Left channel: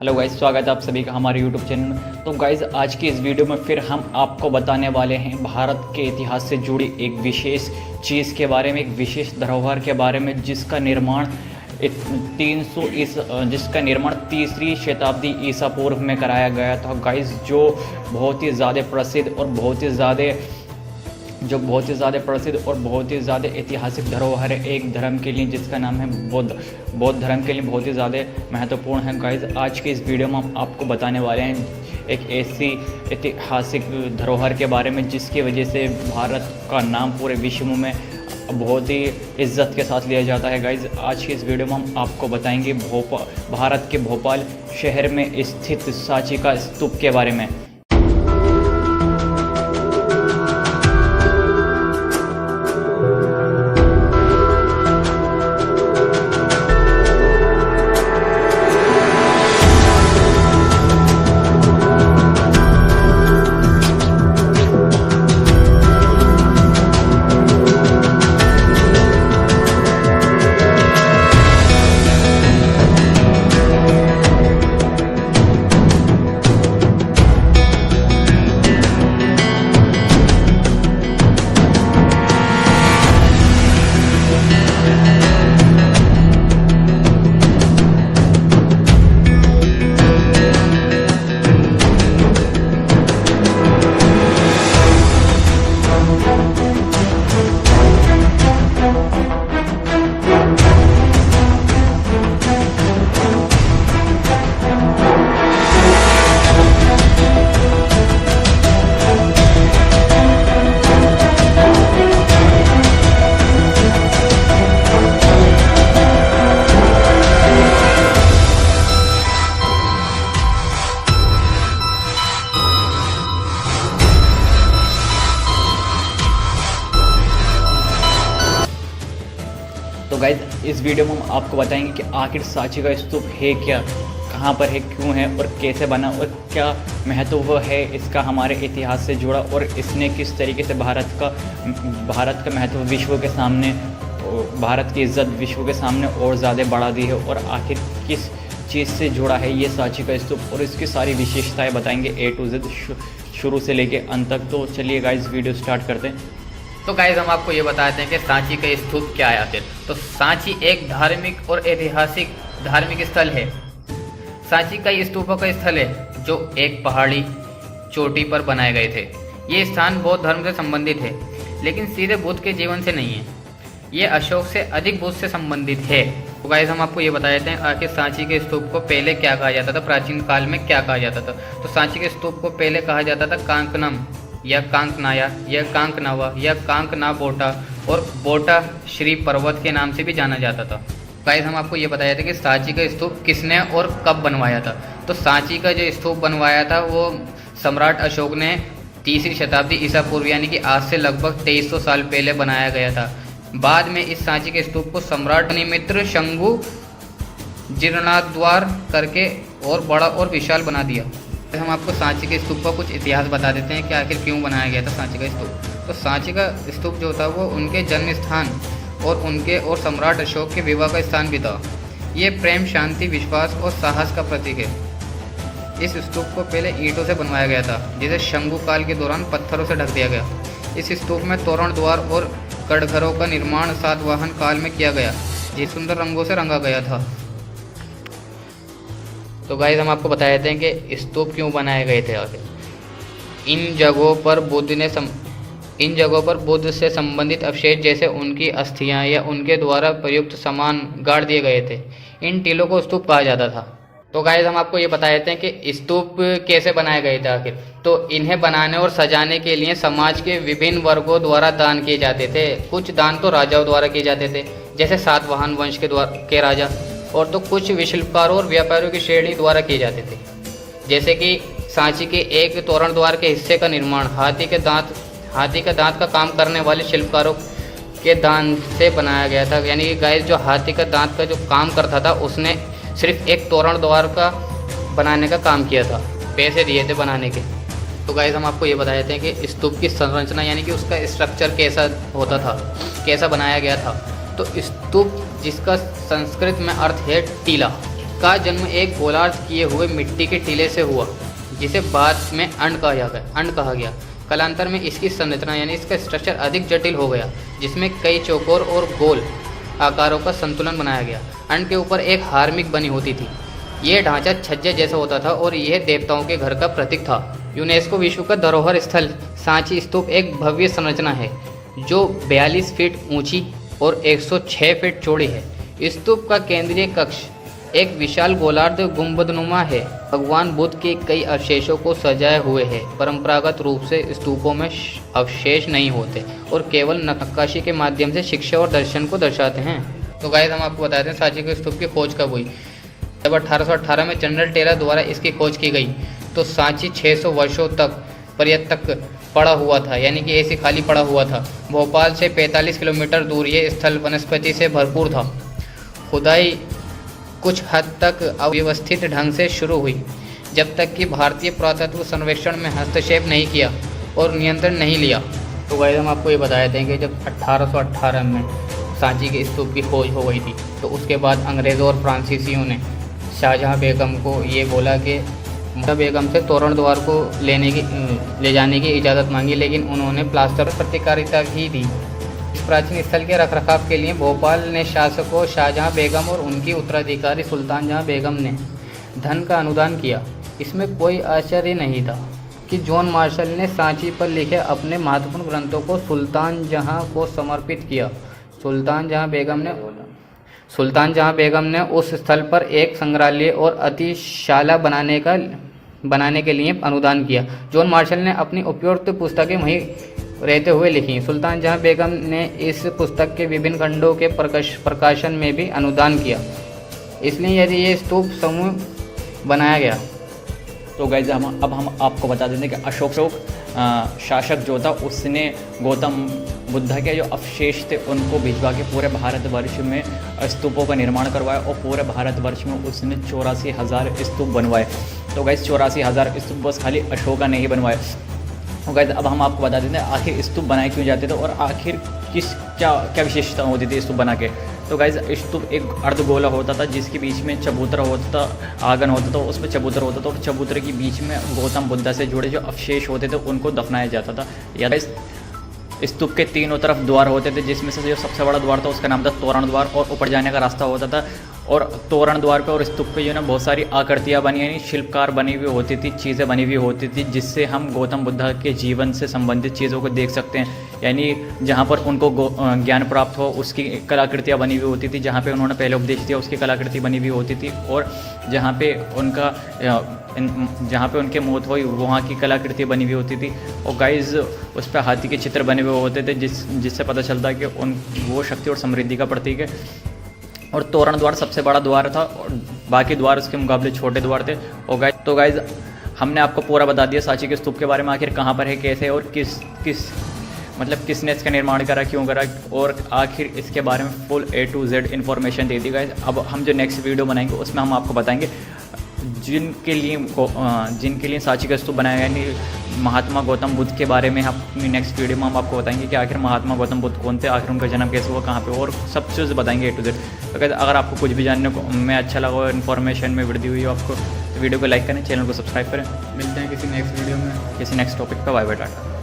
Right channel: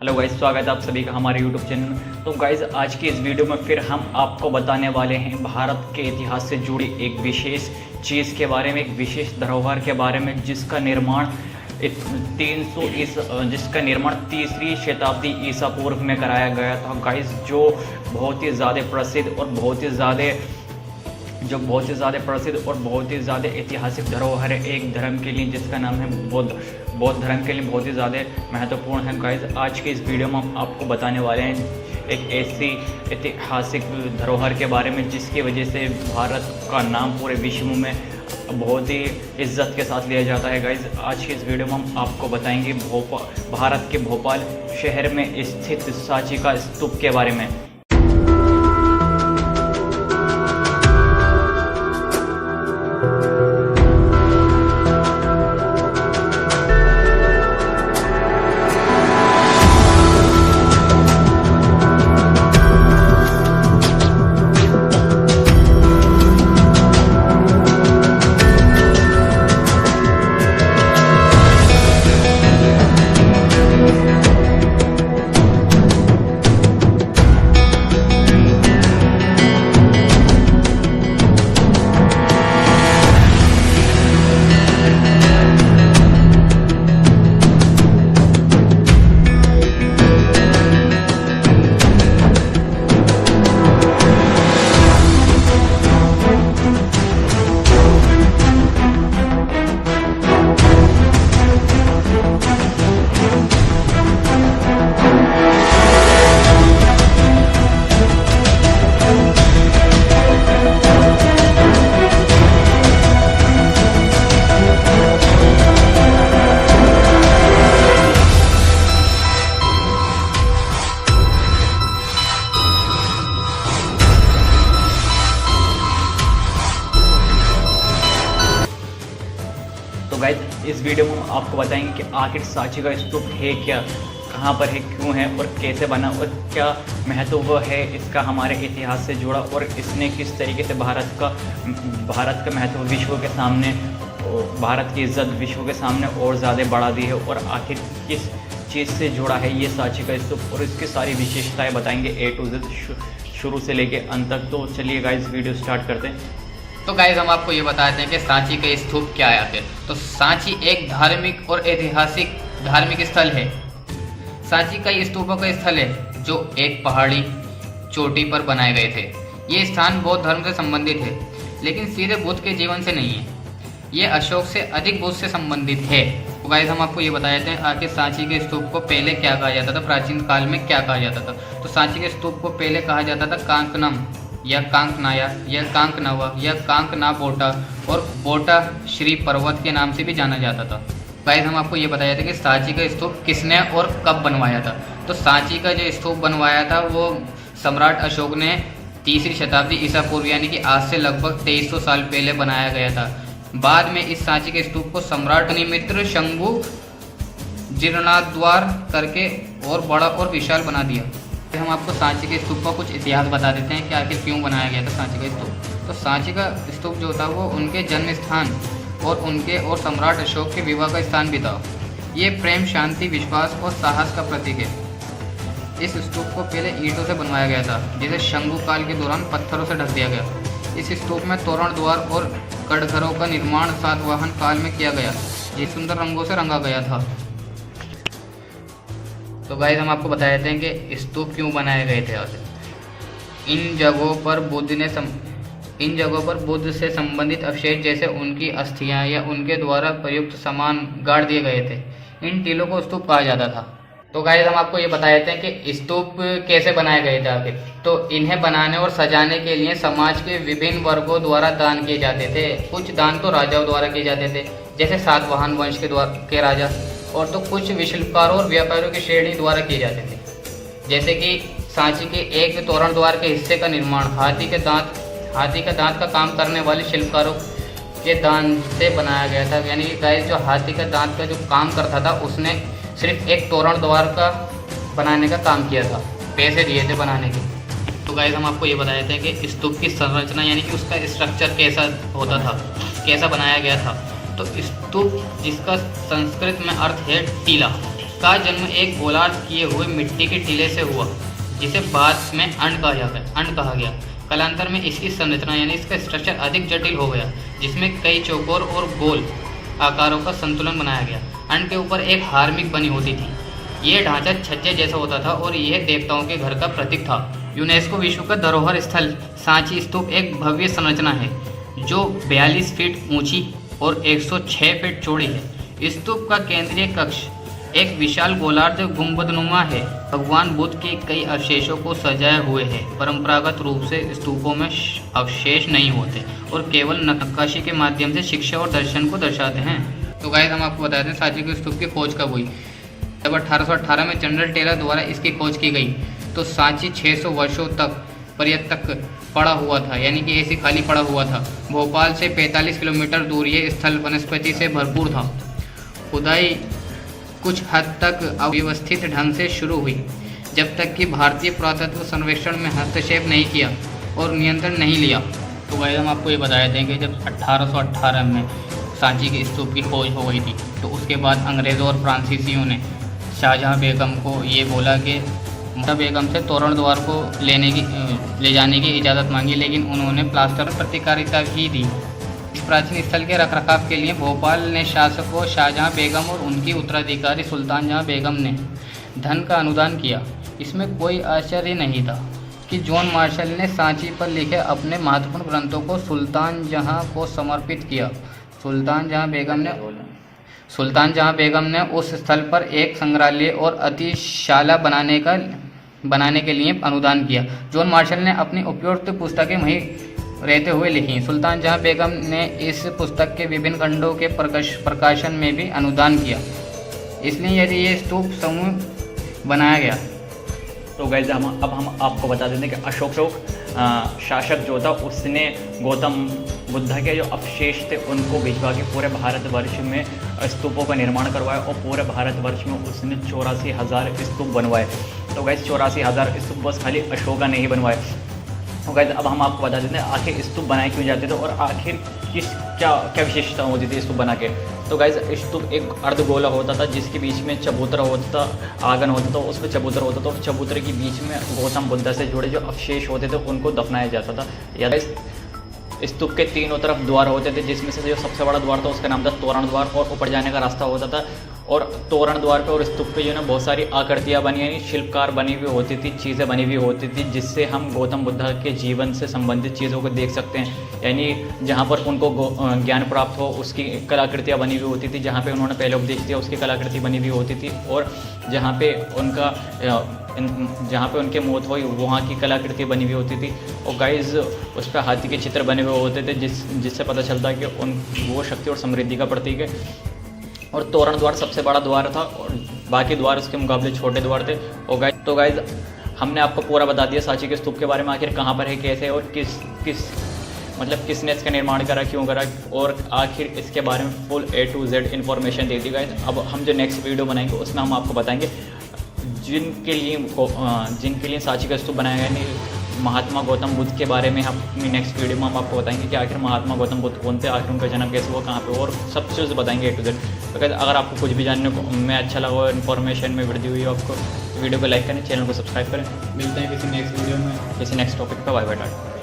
Hello guys, स्वागत है आप सभी का हमारे यूट्यूब चैनल में। तो गाइस, आज की इस वीडियो में फिर हम आपको बताने वाले हैं भारत के इतिहास से जुड़ी एक विशेष चीज़ के बारे में, एक विशेष धरोहर के बारे में जिसका निर्माण 3री शताब्दी ईसा पूर्व में कराया गया था गाइस। जो बहुत ही ज़्यादा प्रसिद्ध और बहुत ही ज़्यादा ऐतिहासिक धरोहर है एक धर्म के लिए, जिसका नाम है बौद्ध धर्म के लिए बहुत ही ज़्यादा महत्वपूर्ण है गाइस। आज के इस वीडियो में हम आपको बताने वाले हैं एक ऐसी ऐतिहासिक धरोहर के बारे में जिसकी वजह से भारत का नाम पूरे विश्व में बहुत ही इज्जत के साथ लिया जाता है गाइस। आज के इस वीडियो में हम आपको बताएंगे भारत के भोपाल शहर में स्थित सांची का स्तूप के बारे में। तो गाइज, इस वीडियो में हम आपको बताएंगे कि आखिर सांची का स्तूप है क्या, कहाँ पर है, क्यों है और कैसे बना और क्या महत्व है इसका हमारे इतिहास से जुड़ा, और इसने किस तरीके से भारत का महत्व विश्व के सामने, भारत की इज्जत विश्व के सामने और ज़्यादा बढ़ा दी है, और आखिर किस चीज़ से जुड़ा है ये सांची का स्तूप, और इसकी सारी विशेषताएँ बताएंगे A to Z शुरू से लेके अंत तक। तो चलिए गाइज, वीडियो स्टार्ट करते हैं। तो गाइस, हम आपको ये बताते हैं कि सांची का स्तूप क्या है आखिर। तो सांची एक धार्मिक और ऐतिहासिक धार्मिक स्थल है। सांची कई स्तूपों का स्थल है जो एक पहाड़ी चोटी पर बनाए गए थे। ये स्थान बौद्ध धर्म से संबंधित है, लेकिन सीधे बुद्ध के जीवन से नहीं है। ये अशोक से अधिक बुद्ध से संबंधित है। तो गाइस, हम आपको ये बता देते हैं आखिर सांची के स्तूप को पहले क्या कहा जाता था, प्राचीन काल में क्या कहा जाता था। तो सांची के स्तूप को पहले कहा जाता था कांकनम या कांकनाया या कांकनावा या कांकना बोटा, और बोटा श्री पर्वत के नाम से भी जाना जाता था। गाइस, हम आपको ये बताया था कि सांची का स्तूप किसने और कब बनवाया था। तो सांची का जो स्तूप बनवाया था वो सम्राट अशोक ने 3री शताब्दी ईसा पूर्व यानी कि आज से लगभग 2300 साल पहले बनाया गया था। बाद में इस सांची के स्तूप को सम्राट निमित्र शंभु जीर्णोद्धार करके और बड़ा और विशाल बना दिया। हम आपको सांची के स्तूप का कुछ इतिहास बता देते हैं कि आखिर क्यों बनाया गया था सांची का स्तूप। तो सांची का स्तूप जो था वो उनके जन्म स्थान और उनके और सम्राट अशोक के विवाह का स्थान भी था। ये प्रेम, शांति, विश्वास और साहस का प्रतीक है। इस स्तूप को पहले ईंटों से बनवाया गया था, जिसे शंभु काल के दौरान पत्थरों से ढक दिया गया। इस स्तूप में तोरण द्वार और कड़घरों का निर्माण सातवाहन काल में किया गया, जिस सुंदर रंगों से रंगा गया था। तो गाइस, हम आपको बता देते हैं कि स्तूप क्यों बनाए गए थे आखिर। इन जगहों पर बुद्ध से संबंधित अवशेष जैसे उनकी अस्थियां या उनके द्वारा प्रयुक्त सामान गाड़ दिए गए थे। इन टीलों को स्तूप कहा जाता था। तो गाइस, हम आपको ये बता देते हैं कि स्तूप कैसे बनाए गए थे आखिर। तो इन्हें बनाने और सजाने के लिए समाज के विभिन्न वर्गों द्वारा दान किए जाते थे। कुछ दान तो राजाओं द्वारा किए जाते थे, जैसे सातवाहन वंश के राजा, और तो कुछ विशिल्पकारों और व्यापारियों की श्रेणी द्वारा किए जाते थे। जैसे कि सांची के एक तोरण द्वार के हिस्से का निर्माण हाथी का दांत का काम करने वाले शिल्पकारों के दान से बनाया गया था। यानी कि गाइस, जो हाथी का दांत का जो काम करता था उसने सिर्फ एक तोरण द्वार का बनाने का काम किया था, पैसे दिए थे बनाने के। तो गाइस, हम आपको ये बता देते हैं कि स्तूप की संरचना यानी कि उसका स्ट्रक्चर कैसा होता था, कैसा बनाया गया था। तो स्तूप, जिसका संस्कृत में अर्थ है टीला, का जन्म एक गोलार्ध किए हुए मिट्टी के टीले से हुआ, जिसे बाद में अंड कहा गया। कालांतर में इसकी संरचना यानी इसका स्ट्रक्चर अधिक जटिल हो गया, जिसमें कई चौकोर और गोल आकारों का संतुलन बनाया गया। अंड के ऊपर एक हार्मिक बनी होती थी। यह ढांचा छज्जे जैसा होता था और यह देवताओं के घर का प्रतीक था। यूनेस्को विश्व का धरोहर स्थल सांची स्तूप एक भव्य संरचना है जो 42 फीट ऊंची और 106 फीट चौड़ी है। स्तूप का केंद्रीय कक्ष एक विशाल गोलार्ध गुंबदनुमा है। भगवान बुद्ध के कई अवशेषों को सजाए हुए है। परंपरागत रूप से स्तूपों में अवशेष नहीं होते और केवल नक्काशी के माध्यम से शिक्षा और दर्शन को दर्शाते हैं। तो गाइस, हम आपको बताते हैं सांची के स्तूप की खोज कब हुई। जब 1818 में जनरल टेलर द्वारा इसकी खोज की गई तो सांची 600 वर्षों तक पर्यटक पड़ा हुआ था, यानी कि ऐसे खाली पड़ा हुआ था। भोपाल से 45 किलोमीटर दूर ये स्थल वनस्पति से भरपूर था। खुदाई कुछ हद तक अव्यवस्थित ढंग से शुरू हुई, जब तक कि भारतीय पुरातत्व सर्वेक्षण में हस्तक्षेप नहीं किया और नियंत्रण नहीं लिया। तो गाइस, हम आपको ये बताए थे कि जब 1818 में सांची के स्तूप की खोज हो गई थी तो उसके बाद अंग्रेज़ों और फ्रांसीसियों ने शाहजहाँ बेगम को ये बोला कि मुमताज़ बेगम से तोरण द्वार को ले जाने की इजाज़त मांगी, लेकिन उन्होंने प्लास्टर पर प्रतिकारिता ही दी। इस प्राचीन स्थल के रखरखाव के लिए भोपाल ने शासकों शाहजहाँ बेगम और उनकी उत्तराधिकारी सुल्तान जहाँ बेगम ने धन का अनुदान किया। इसमें कोई आश्चर्य नहीं था कि जॉन मार्शल ने सांची पर लिखे अपने महत्वपूर्ण ग्रंथों को सुल्तान जहाँ को समर्पित किया। सुल्तान जहाँ बेगम ने उस स्थल पर एक संग्रहालय और अतिशाला बनाने के लिए अनुदान किया। जॉन मार्शल ने अपनी उपयुक्त पुस्तकें वहीं रहते हुए लिखी। सुल्तान जहाँ बेगम ने इस पुस्तक के विभिन्न खंडों के प्रकाशन में भी अनुदान किया, इसलिए यदि ये स्तूप समूह बनाया गया। तो गाइस, हम आपको बता देते हैं कि अशोक शासक जो था उसने गौतम बुद्ध के जो अवशेष थे उनको भिजवा के पूरे भारतवर्ष में स्तूपों का निर्माण करवाया और पूरे भारतवर्ष में उसने 84,000 स्तूप बनवाए। तो गाइस, 84,000 स्तूप बस खाली अशोका ने ही बनवाए। तो गाइस, अब हम आपको बता देते हैं आखिर स्तूप बनाए क्यों जाते थे और आखिर क्या विशेषता होती थी स्तूप बना के। तो गाइस, स्तूप एक अर्धगोला होता था जिसके बीच में चबूतरा होता था, आंगन होता था, उसमें चबूतरा होता था और चबूतरे के बीच में गौतम बुद्ध से जुड़े जो अवशेष होते थे उनको दफनाया जाता था। या स्तूप के तीनों तरफ द्वार होते थे, जिसमें से जो सबसे बड़ा द्वार था उसका नाम था तोरण द्वार और ऊपर जाने का रास्ता होता था। और तोरण द्वार पे और स्तूप पे जो है ना बहुत सारी आकृतियाँ बनी, यानी शिल्पकार बनी हुई होती थी, चीज़ें बनी हुई होती थी, जिससे हम गौतम बुद्ध के जीवन से संबंधित चीज़ों को देख सकते हैं। यानी जहाँ पर उनको ज्ञान प्राप्त हो उसकी कलाकृतियाँ बनी हुई होती थी, जहाँ पे उन्होंने पहले उपदेश दिया उसकी कलाकृति बनी हुई होती थी, और जहाँ पे उनके मौत हुई वहाँ की कलाकृति बनी हुई होती थी। और गाइज उस पर हाथी के चित्र बने हुए होते थे, जिससे पता चलता है कि वो शक्ति और समृद्धि का प्रतीक है। और तोरण द्वार सबसे बड़ा द्वार था और बाकी द्वार उसके मुकाबले छोटे द्वार थे। और तो गाइज हमने आपको पूरा बता दिया सांची के स्तूप के बारे में, आखिर कहाँ पर है, कैसे और किसने इसका निर्माण करा, क्यों करा, और आखिर इसके बारे में full A to Z information they the guys. अब हम जो नेक्स्ट वीडियो बनाएंगे उसमें हम आपको बताएंगे जिनके लिए सांची का स्तूप बनाया, यानी महात्मा गौतम बुद्ध के बारे में अपनी नेक्स्ट वीडियो में हम आपको बताएंगे कि आखिर महात्मा गौतम बुद्ध कौन थे, आखिर उनका जन्म कैसे हुआ, कहाँ पे, और सब चीज़ बताएंगे A to Z। तो अगर आपको कुछ भी जानने को में अच्छा लगा और इन्फॉर्मेशन में वृद्धि हुई आपको, तो वीडियो को लाइक करें, चैनल को सब्सक्राइब करें। मिलते हैं किसी नेक्स्ट वीडियो में किसी नेक्स्ट टॉपिक पर। Bye bye, Tata.